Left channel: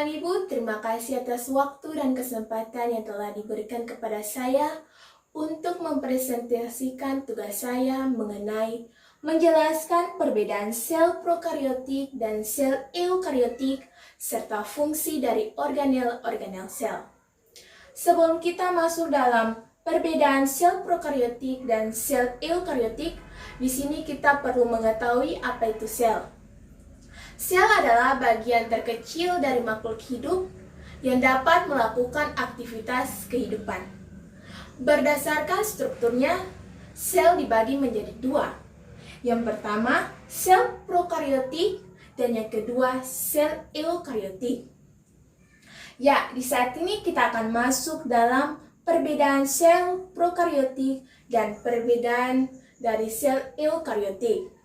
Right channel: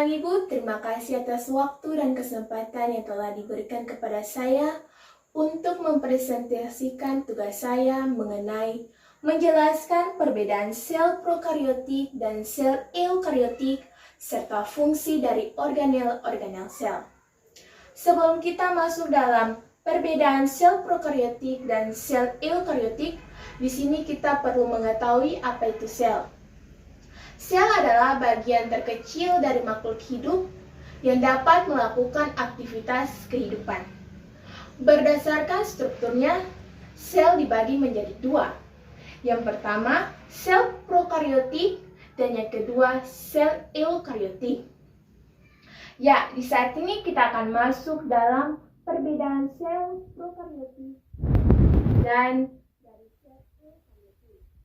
siang Ibu, terima kasih atas waktu dan kesempatan yang telah diberikan kepada saya untuk mempresentasikan tugas saya mengenai menjelaskan perbedaan sel prokariotik dan sel eukariotik serta fungsi dari organel-organel sel. Sebelum kita masuk dalam perbedaan sel prokariotik dan sel eukariotik, di sini kita perlu mengetahui apa itu sel. Sel adalah bagian terkecil dari makhluk hidup yang dapat melakukan aktivitas kehidupan. Berdasarkan strukturnya, sel dibagi menjadi dua. Yang pertama, sel prokariotik dan yang kedua, sel eukariotik. Ya, di saat ini kita akan masuk dalam perbedaan sel prokariotik dan perbedaan dari sel eukariotik.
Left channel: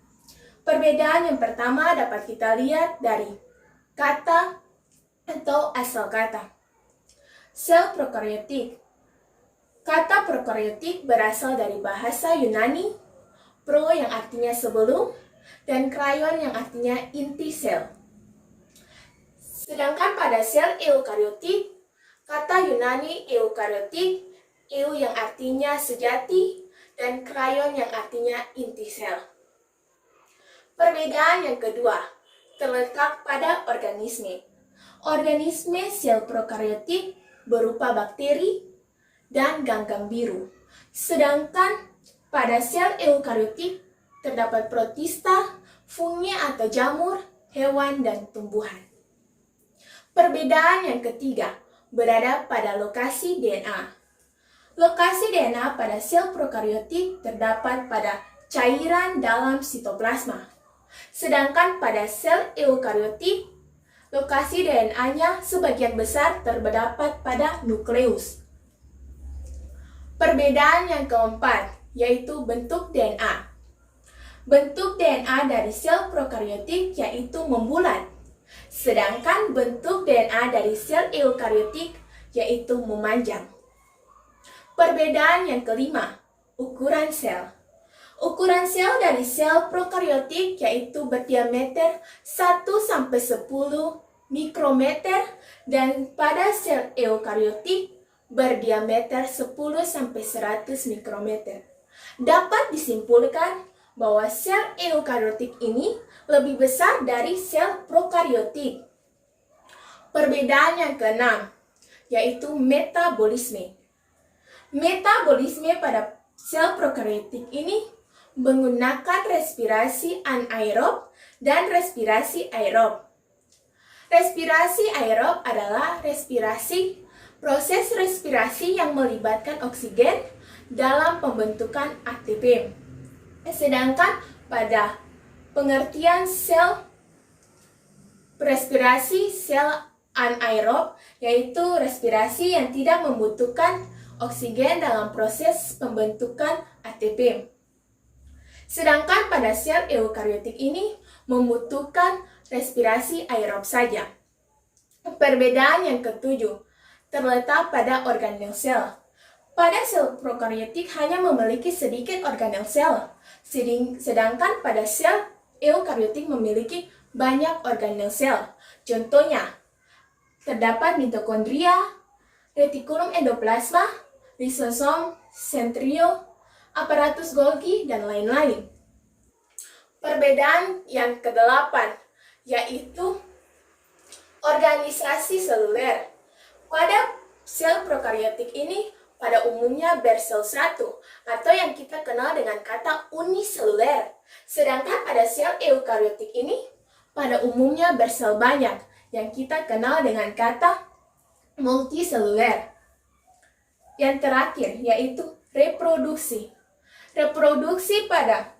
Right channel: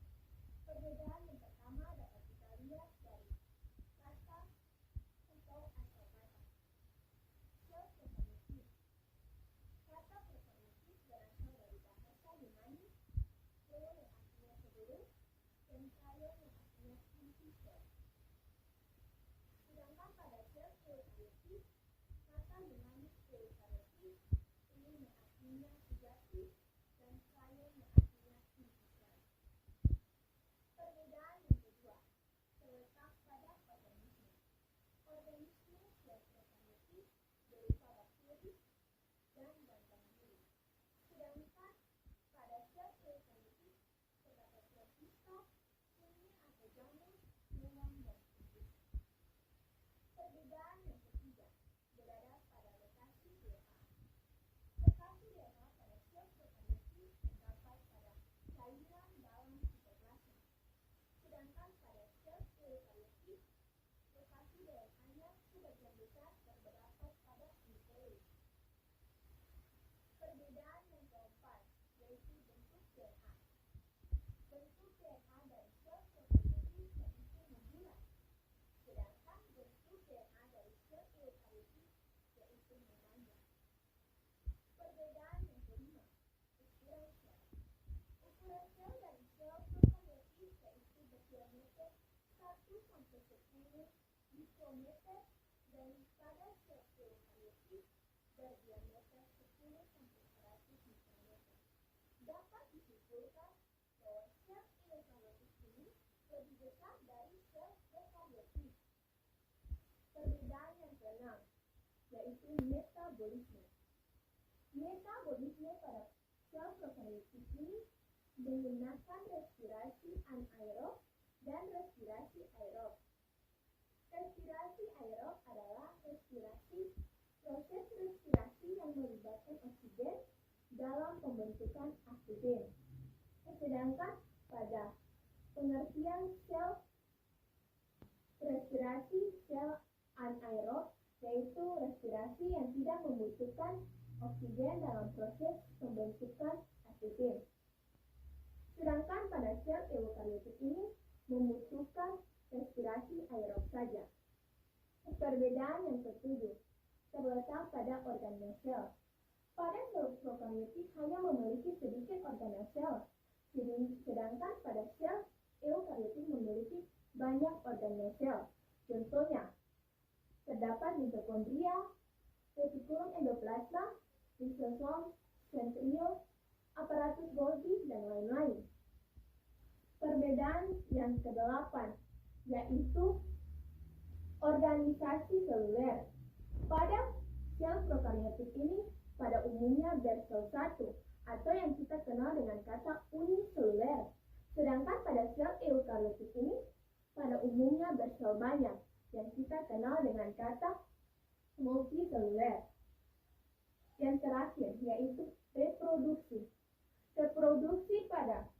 Perbedaan yang pertama dapat kita lihat dari kata atau asal kata. Sel prokariotik. Kata prokariotik berasal dari bahasa Yunani, pro yang artinya sebelum, dan kryon yang artinya inti sel. Sedangkan pada sel eukariotik, kata Yunani eukariotik, eu yang artinya sejati, dan kryon yang artinya inti sel. Perbedaan yang kedua terletak pada organisme. Organisme sel prokariotik berupa bakteri dan ganggang biru. Sedangkan pada sel eukariotik terdapat protista, fungi atau jamur, hewan, dan tumbuhan. Perbedaan yang ketiga berada pada lokasi DNA. Lokasi DNA pada sel prokariotik terdapat pada cairan dalam sitoplasma. Sedangkan pada sel eukariotik, lokasi DNA-nya sebagian besar terdapat pada nukleus. Perbedaan yang keempat, yaitu bentuk DNA. Bentuk DNA dari sel prokariotik yaitu membulat. Sedangkan bentuk DNA dari sel eukariotik yaitu memanjang. Perbedaan yang kelima, ukuran sel. Ukuran sel dari sel prokariotik yaitu berdiameter 1-10 mikrometer dan pada sel eukariotik berdiameter 10-100 mikrometer. Dapat disimpulkan bahwa sel eukariotik ini lebih besar dari sel prokariotik. Perbedaan yang keenam yaitu metabolisme. Metabolisme pada sel prokariotik ini menggunakan respirasi anaerob dan respirasi aerob. Respirasi aerob adalah proses respirasi yang melibatkan oksigen dalam pembentukan ATP. Sedangkan pada pengertian sel respirasi sel anaerob yaitu respirasi yang tidak membutuhkan oksigen dalam proses pembentukan ATP. Sedangkan pada sel eukariotik ini membutuhkan respirasi aerob saja. Perbedaan yang ketujuh terletak pada organel sel. Pada sel prokariotik hanya memiliki sedikit organel sel, sedangkan pada sel eukariotik memiliki banyak organel sel. Contohnya, terdapat mitokondria, retikulum endoplasma, lisosom, sentrio, aparatus Golgi, dan lain-lain. Perbedaan yang kedelapan yaitu organisasi seluler. Pada sel prokariotik ini pada umumnya bersel satu atau yang kita kenal dengan kata uniseluler. Sedangkan pada sel eukariotik ini pada umumnya bersel banyak yang kita kenal dengan kata multiseluler. Yang terakhir yaitu reproduksi. Reproduksi pada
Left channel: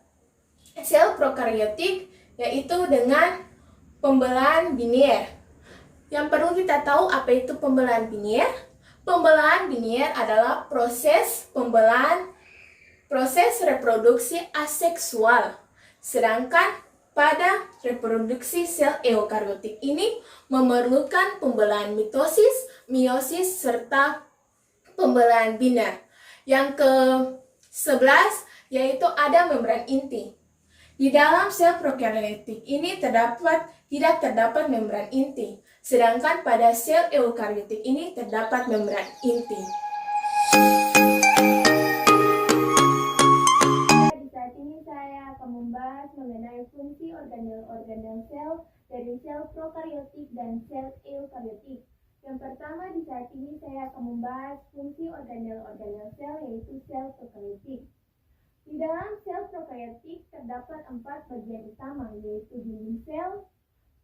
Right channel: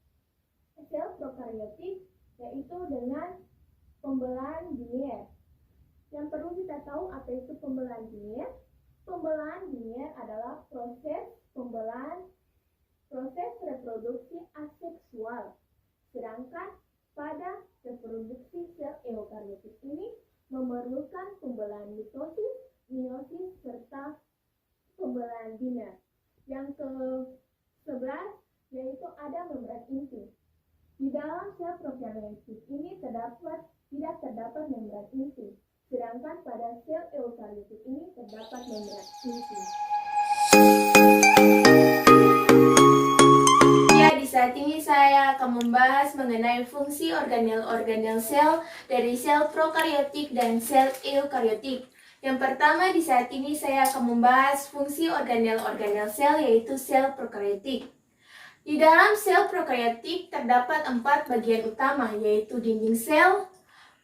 sel prokariotik yaitu dengan pembelahan biner. Yang perlu kita tahu apa itu pembelahan biner? Pembelahan biner adalah proses reproduksi aseksual. Sedangkan pada reproduksi sel eukariotik ini memerlukan pembelahan mitosis, meiosis, serta pembelahan biner. Yang ke-11 yaitu ada membran inti. Di dalam sel prokariotik ini tidak terdapat membran inti. Sedangkan pada sel eukariotik ini terdapat membran inti. Ya, di saat ini saya akan membahas mengenai fungsi organel-organel sel dari sel prokariotik dan sel eukariotik. Yang pertama, di saat ini saya akan membahas fungsi organel-organel sel, yaitu sel prokariotik. Di dalam sel prokariotik terdapat 4 bagian utama, yaitu dinding sel,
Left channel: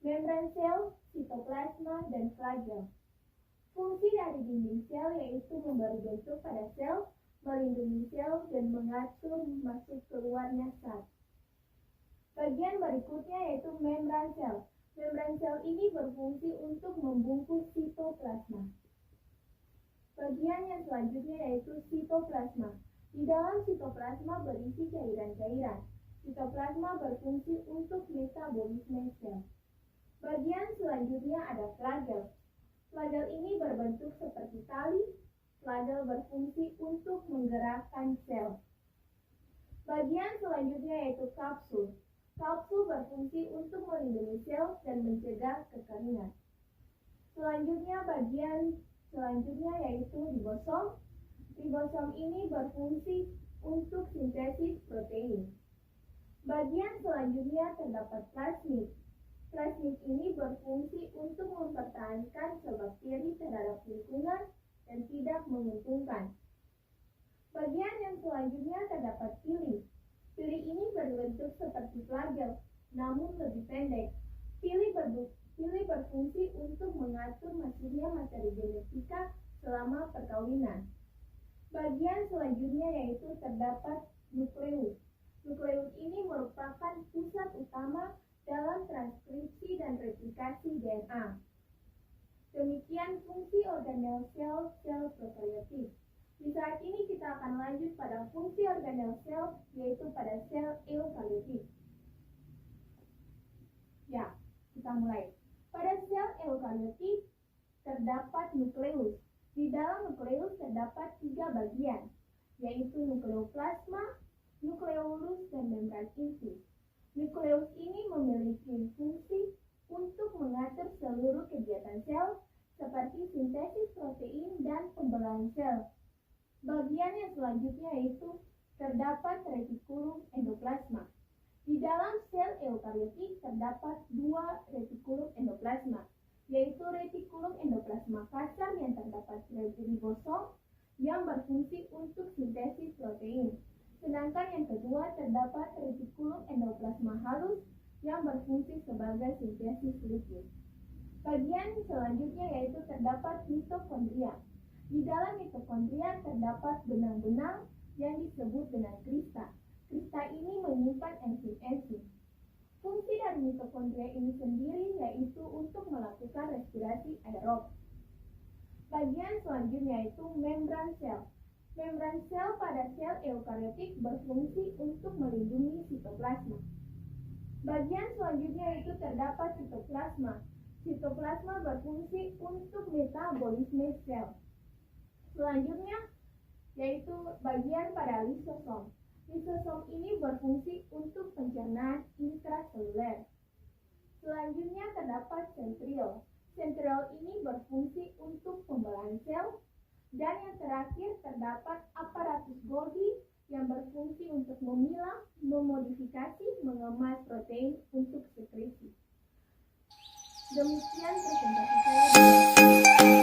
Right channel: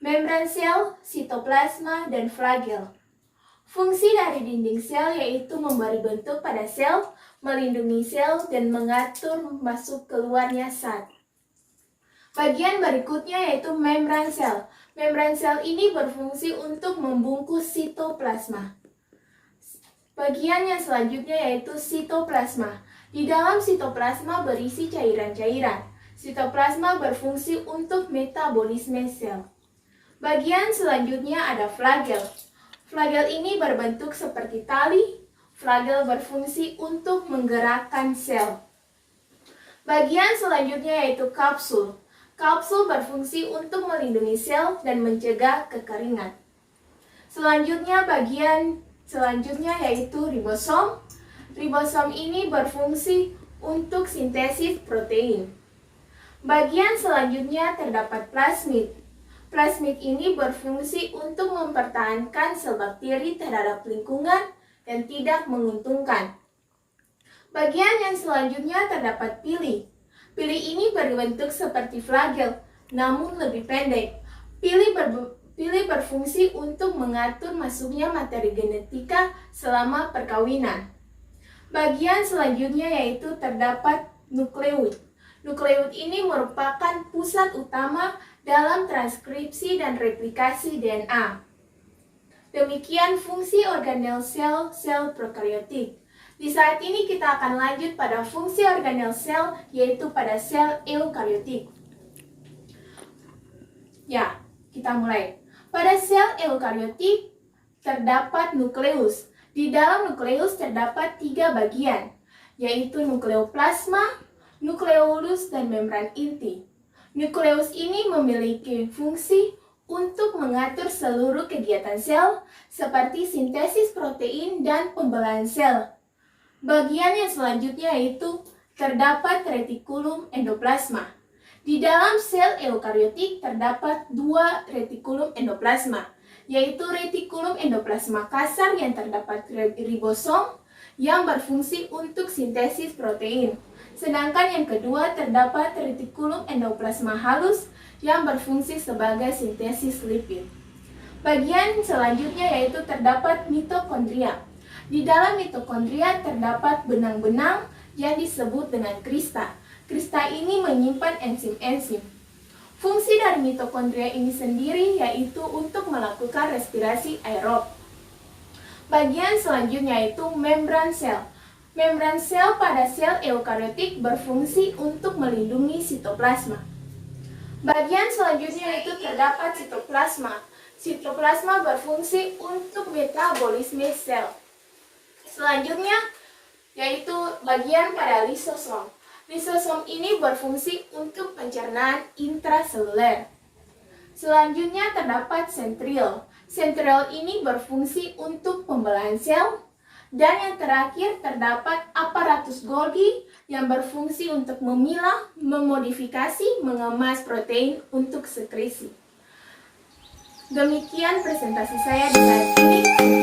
membran sel, sitoplasma, dan flagel. Fungsi dari dinding sel yaitu memberi bentuk pada sel, melindungi sel, dan mengatur masuk keluarnya zat. Bagian berikutnya yaitu membran sel. Membran sel ini berfungsi untuk membungkus sitoplasma. Bagian yang selanjutnya yaitu sitoplasma. Di dalam sitoplasma berisi cairan-cairan. Sitoplasma berfungsi untuk metabolisme sel. Bagian selanjutnya ada flagel. Flagel ini berbentuk seperti tali. Flagel berfungsi untuk menggerakkan sel. Bagian selanjutnya yaitu kapsul. Kapsul berfungsi untuk melindungi sel dan mencegah kekeringan. Bagian selanjutnya yaitu ribosom. Ribosom ini berfungsi untuk sintesis protein. Bagian selanjutnya terdapat plasmid. Plasmid ini berfungsi untuk mempertahankan sel bakteri terhadap lingkungan dan tidak menguntungkan. Bagian yang selanjutnya terdapat pili. Pili ini berbentuk seperti flagel, namun lebih pendek. Pili berfungsi untuk mengatur masuknya materi genetika selama perkawinan. Bagian selanjutnya yaitu terdapat nukleus. Nukleus ini merupakan pusat utama dalam transkripsi dan replikasi DNA. Demikian fungsi organel sel prokariotik. Di saat ini kita akan lanjut pada fungsi organel sel, yaitu pada sel eukariotik. Ya, kita mulai. Pada sel eukariotik terdapat nukleus. Di dalam nukleus terdapat 3 bagian, yaitu nukleoplasma, nukleolus, dan membran inti. Nukleus ini memiliki fungsi untuk mengatur seluruh kegiatan sel seperti sintesis protein dan pembelahan sel. Bagian yang selanjutnya yaitu terdapat retikulum endoplasma. Di dalam sel eukariotik terdapat 2 retikulum endoplasma, yaitu retikulum endoplasma kasar yang terdapat ribosom yang berfungsi untuk sintesis protein. Sedangkan yang kedua terdapat retikulum endoplasma halus yang berfungsi sebagai sintesis lipid. Bagian selanjutnya yaitu terdapat mitokondria. Di dalam mitokondria terdapat benang-benang yang disebut dengan krista. Krista ini menyimpan enzim-enzim. Fungsi dari mitokondria ini sendiri yaitu untuk melakukan respirasi aerob. Bagian selanjutnya yaitu membran sel. Membran sel pada sel eukariotik berfungsi untuk melindungi sitoplasma. Bagian selanjutnya yaitu terdapat sitoplasma. Sitoplasma berfungsi untuk metabolisme sel. Selanjutnya yaitu bagian pada lisosom. Lisosom ini berfungsi untuk pencernaan intraseluler. Selanjutnya terdapat sentriol. Sentriol ini berfungsi untuk pembelahan sel. Dan yang terakhir terdapat aparatus Golgi yang berfungsi untuk memilah, memodifikasi, mengemas protein untuk sekresi. Demikian presentasi saya di saat ini.